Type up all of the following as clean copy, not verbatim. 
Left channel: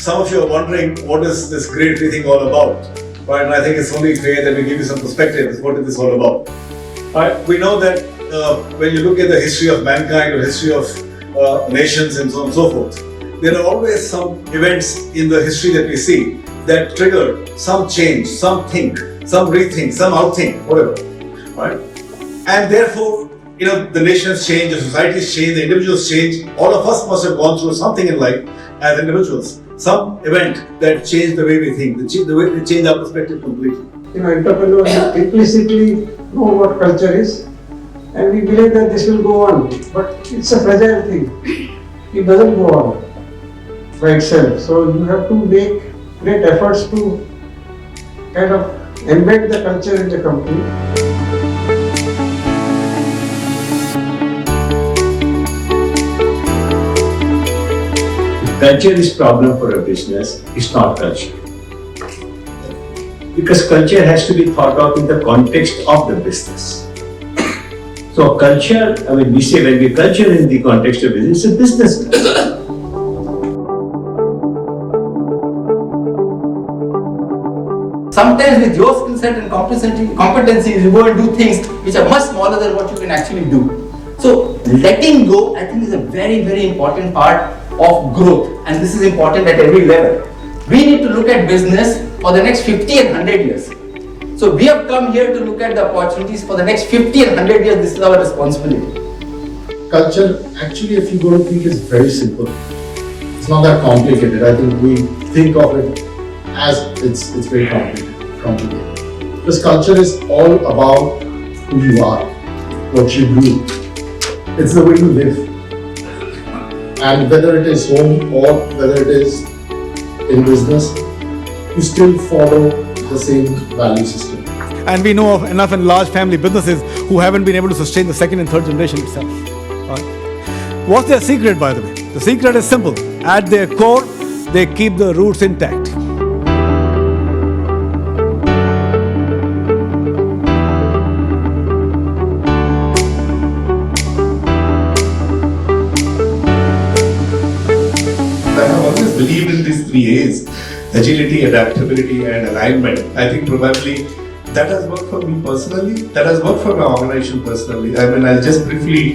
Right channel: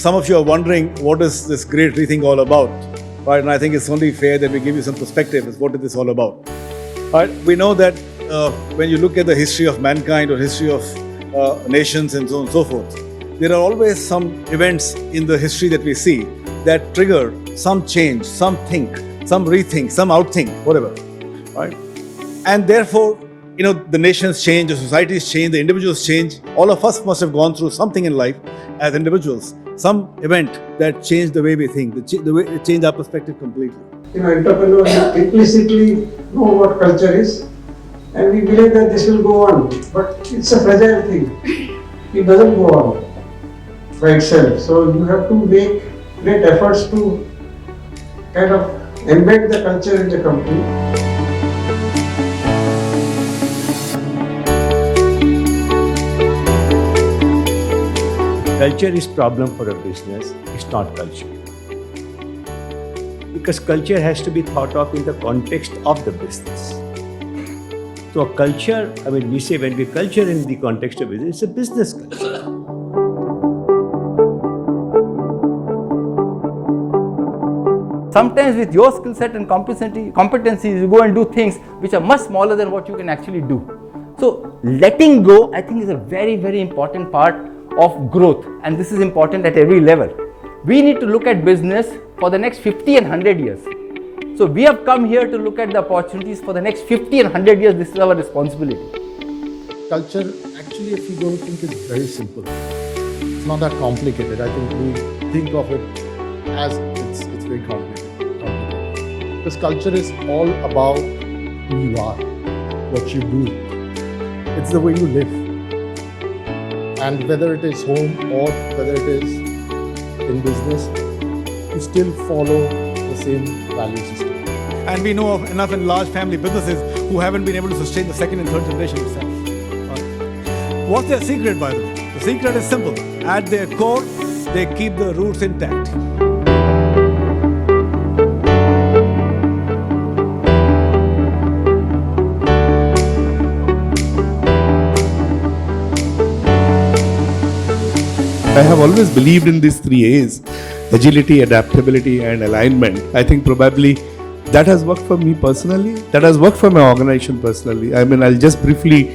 some of you are wondering what is this great thing all about. Right? And I think it's only fair that we give you some perspective. What is this all about? Right? We know that when you look at the history of mankind or history of nations and so on and so forth, there are always some events in the history that we see that trigger some change, some think, some rethink, some outthink, whatever. Right? And therefore, the nations change, the societies change, the individuals change. All of us must have gone through something in life as individuals, some event that changed the way we think, the way we change our perspective completely. Entrepreneurs implicitly know what culture is, and we believe that this will go on. But it's a fragile thing. It doesn't go on by itself. So you have to make great efforts to kind of embed the culture in the company. Culture is problem for a business, it's not culture. Because culture has to be thought of in the context of the business. So culture, we say when we culture in the context of business, it's a business culture. Sometimes with your skill set and competencies, you go and do things which are much smaller than what you can actually do. So letting go, I think, is a very, very important part of growth, and this is important at every level. We need to look at business for the next 50 and 100 years. So we have come here to look at the opportunities for the next 50 and 100 years. This is our responsibility. Culture, actually, if you go to think, is very simple. It's not that complicated. I think we think of it as it's very complicated. Because culture is all about who you are, what you do. It's the way you live. And whether it is home or whether it is in business, you still follow the same value system. And we know of enough and large family businesses who haven't been able to sustain the second and third generation itself. Right? What's their secret, by the way? The secret is simple. At their core, they keep the roots intact. I have always believed in these 3 A's: agility, adaptability, and alignment. I think probably that has worked for me personally, that has worked for my organization personally. I'll just briefly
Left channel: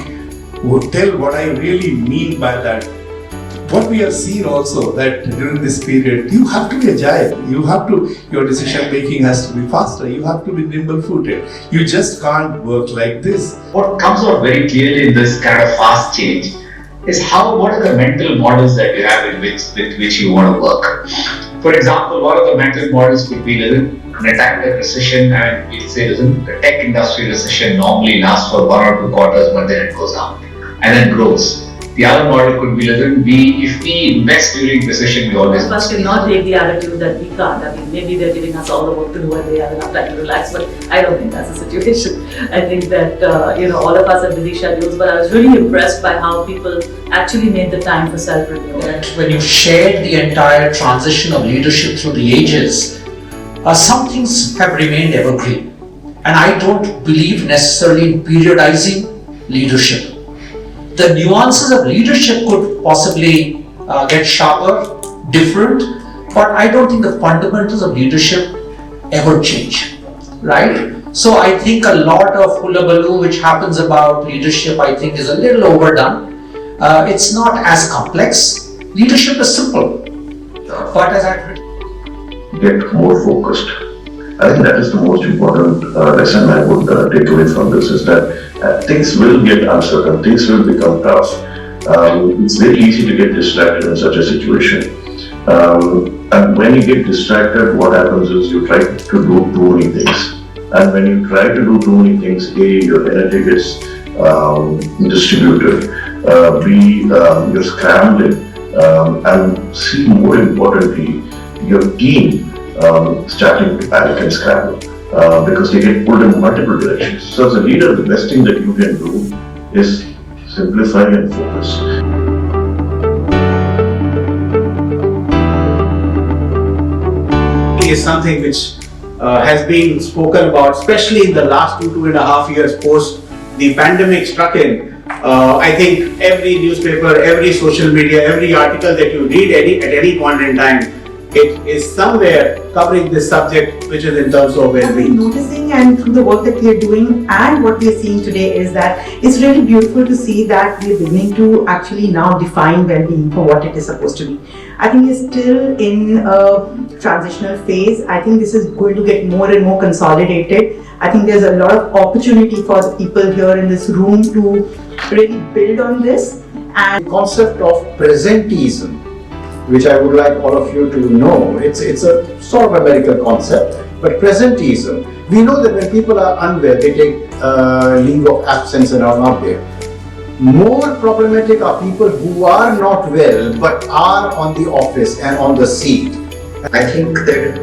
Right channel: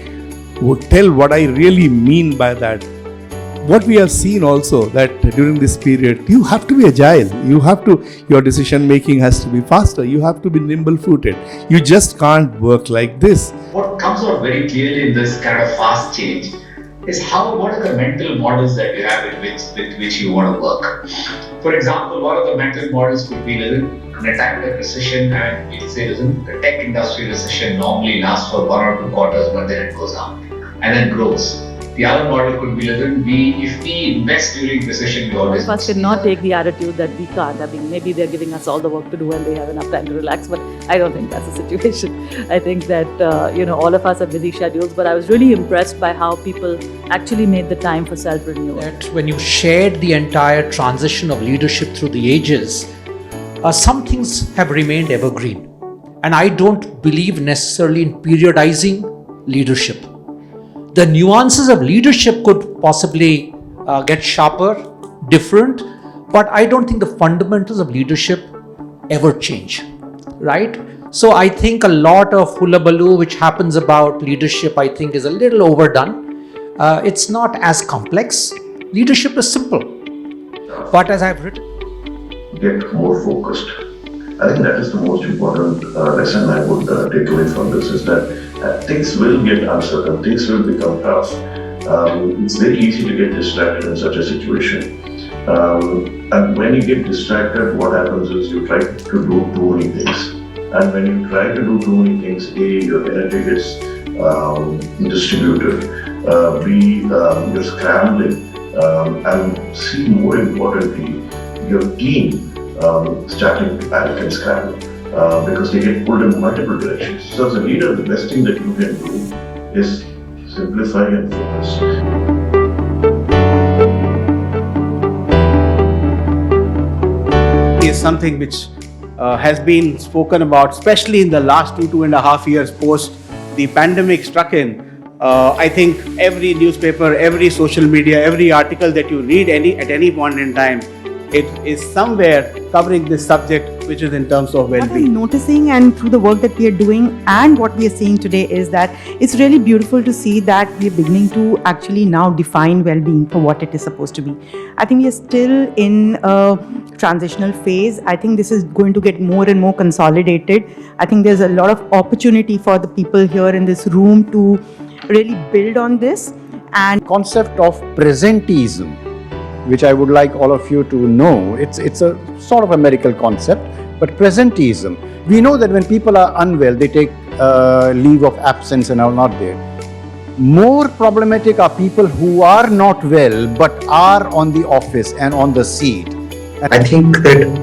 tell what I really mean by that. What we have seen also that during this period, you have to be agile. Your decision making has to be faster. You have to be nimble footed. You just can't work like this. What comes out very clearly in this kind of fast change is what are the mental models that you have with which you want to work. For example, one of the mental models could be, in a time like recession, and we'll say, the tech industry recession normally lasts for 1 or 2 quarters, but then it goes down and then grows. The other model could be, if we invest during recession, we always. First, we not take the attitude that we can't. Maybe they're giving us all the work to do and they have enough time to relax, but I don't think that's the situation. I think that, all of us have busy schedules, but I was really impressed by how people actually made the time for self-renewal. When you shared the entire transition of leadership through the ages, some things have remained evergreen. And I don't believe necessarily in periodizing leadership. The nuances of leadership could possibly get sharper, different, but I don't think the fundamentals of leadership ever change, right? So I think a lot of hullabaloo which happens about leadership, I think, is a little overdone. It's not as complex. Leadership is simple, but as I get more focused. I think that is the most important lesson I would take away from this, is that things will get uncertain, things will become tough. It's very easy to get distracted in such a situation. And when you get distracted, what happens is you try to do too many things. And when you try to do too many things, your energy gets distributed, you're scrambling, and C, more importantly, your team starting to panic and scramble because they get pulled in multiple directions. So as a leader, the best thing that you can do is simplify and focus. Is something which has been spoken about, especially in the last 2.5 years post the pandemic struck in, I think every newspaper, every social media, every article that you read at any point in time, it is somewhere covering this subject, which is in terms of What we're noticing and through the work that we are doing and what we are seeing today is that it's really beautiful to see that we're beginning to actually now define well-being for what it is supposed to be. I think we're still in a transitional phase. I think this is going to get more and more consolidated. I think there's a lot of opportunity for the people here in this room to really build on this. And concept of presenteeism, which I would like all of you to know, it's a sort of American concept, but presenteeism. We know that when people are unwell, they take leave of absence and are not there. More problematic are people who are not well but are on the office and on the seat. I think that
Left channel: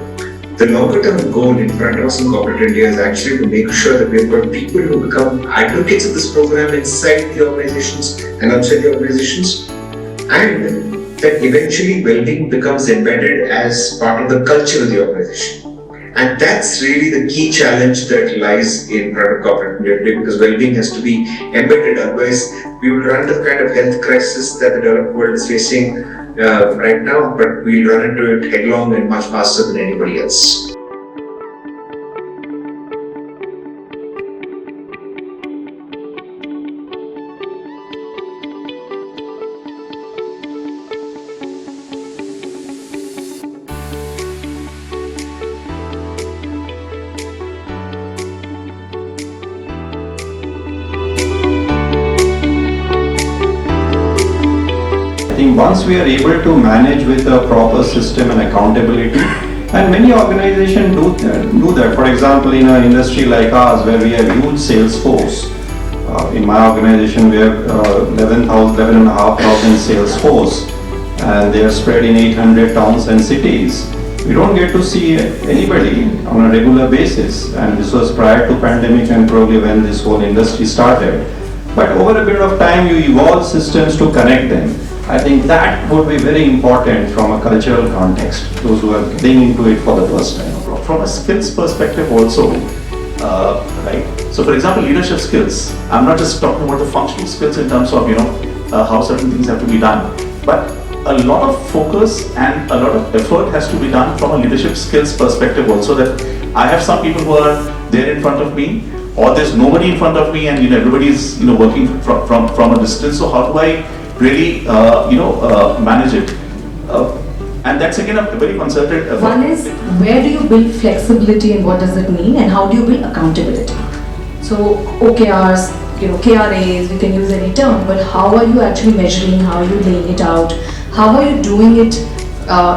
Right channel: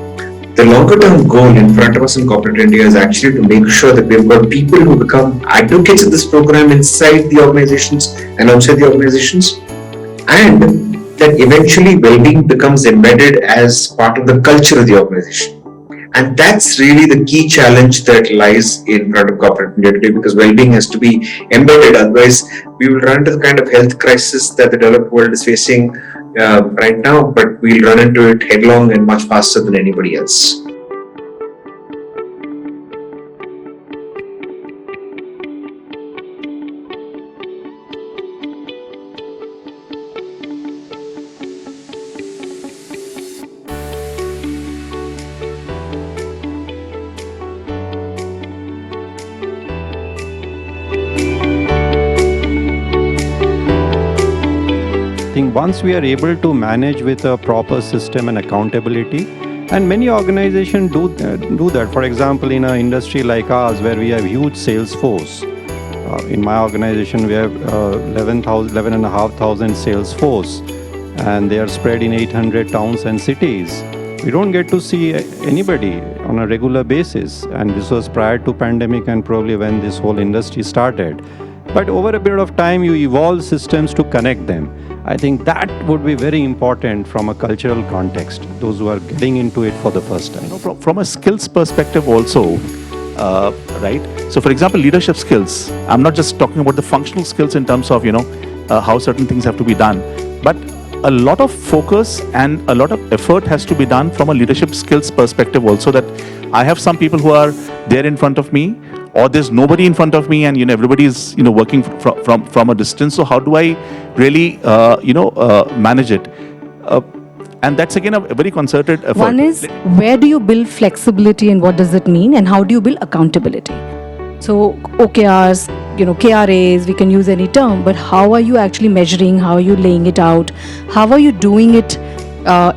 the longer term goal in front of us in corporate India is actually to make sure that we've got people who become advocates of this program inside the organizations and outside the organizations, and that eventually well-being becomes embedded as part of the culture of the organization. And that's really the key challenge that lies in front of corporate India today, because well-being has to be embedded, otherwise we will run into the kind of health crisis that the developed world is facing right now, but we'll run into it headlong and much faster than anybody else. Once we are able to manage with a proper system and accountability, and many organizations do that. For example, in an industry like ours, where we have huge sales force, in my organization we have 11,500 sales force, and they are spread in 800 towns and cities. We don't get to see anybody on a regular basis, and this was prior to pandemic and probably when this whole industry started. But over a period of time, you evolve systems to connect them. I think that would be very important from a cultural context, those who are getting into it for the first time. From a skills perspective also, right? So for example, leadership skills, I'm not just talking about the functional skills in terms of, how certain things have to be done, but a lot of focus and a lot of effort has to be done from a leadership skills perspective also, that I have some people who are there in front of me, or there's nobody in front of me, and everybody is working from a distance. So how do I really manage it? And that's again a very concerted effort. One is, where do you build flexibility and what does it mean, and how do you build accountability? So OKRs, KRAs, we can use any term, but how are you actually measuring, how are you laying it out, how are you doing it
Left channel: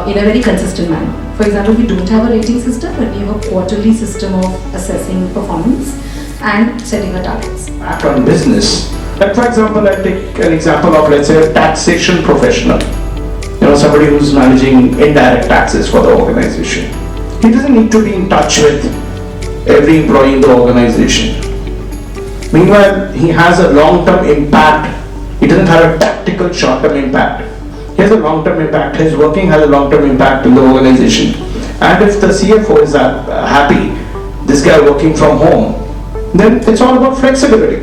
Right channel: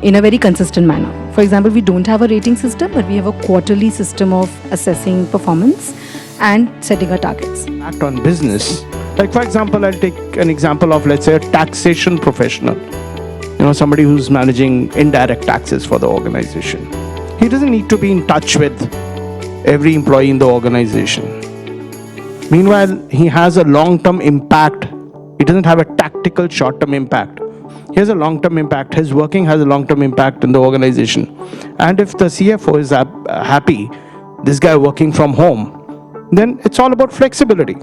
in a very consistent manner? For example, we don't have a rating system, but we have a quarterly system of assessing performance and setting our targets. On business. Like for example, I take an example of, let's say, a taxation professional. Somebody who's managing indirect taxes for the organization. He doesn't need to be in touch with every employee in the organization. Meanwhile, he has a long-term impact. He doesn't have a tactical short-term impact. He has a long-term impact. His working has a long-term impact in the organization. And if the CFO is happy, this guy working from home, then it's all about flexibility.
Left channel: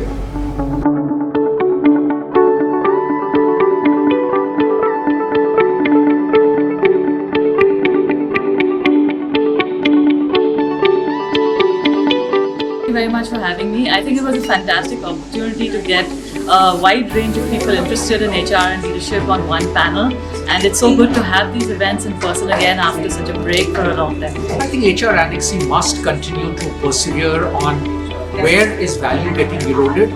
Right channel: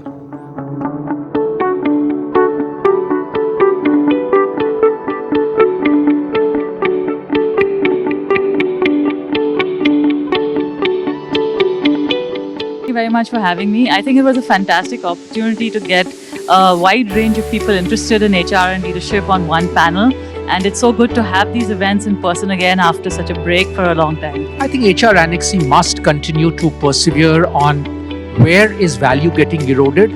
Very much for having me. I think it was a fantastic opportunity to get a wide range of people interested in HR and leadership on one panel, and it's so good to have these events in person again after such a break for a long time. I think HR Annexing must continue to persevere on where is value getting eroded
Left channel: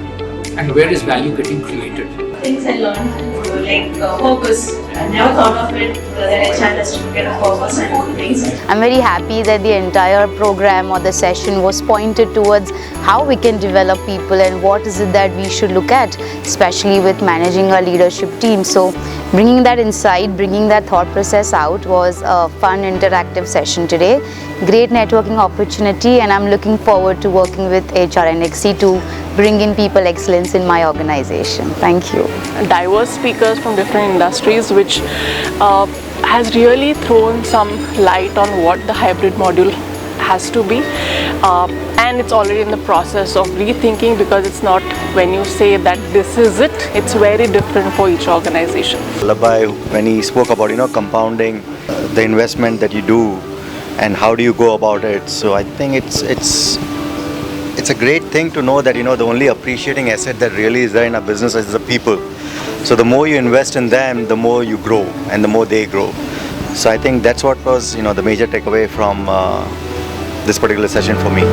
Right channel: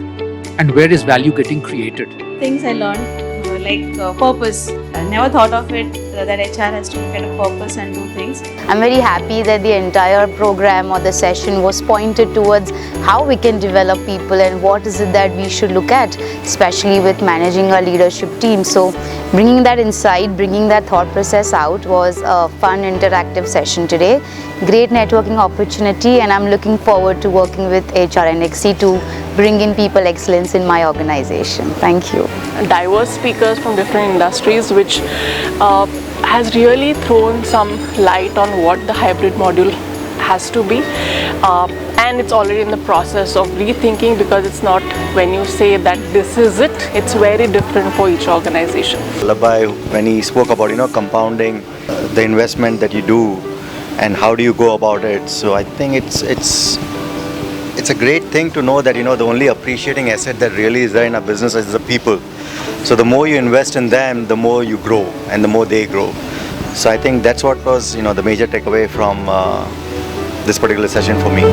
and where is value getting created. Things I learned, like purpose. I never thought of it, that HR has to get a purpose and do things. I'm very happy that the entire program or the session was pointed towards how we can develop people and what is it that we should look at, especially with managing our leadership team. So bringing that insight, bringing that thought process out was a fun interactive session today. Great networking opportunity, and I'm looking forward to working with HR NXT to bring in people excellence in my organization. Thank you. Diverse speakers from different industries, which has really thrown some light on what the hybrid module has to be, and it's already in the process of rethinking, because it's not when you say that this is it, it's very different for each organization. Vallabhbhai, when he spoke about compounding the investment that you do and how do you go about it, so I think it's a great thing to know that the only appreciating asset that really is there in a business is the people. So the more you invest in them, the more you grow and the more they grow. So I think that's what was the major takeaway from this particular session for me.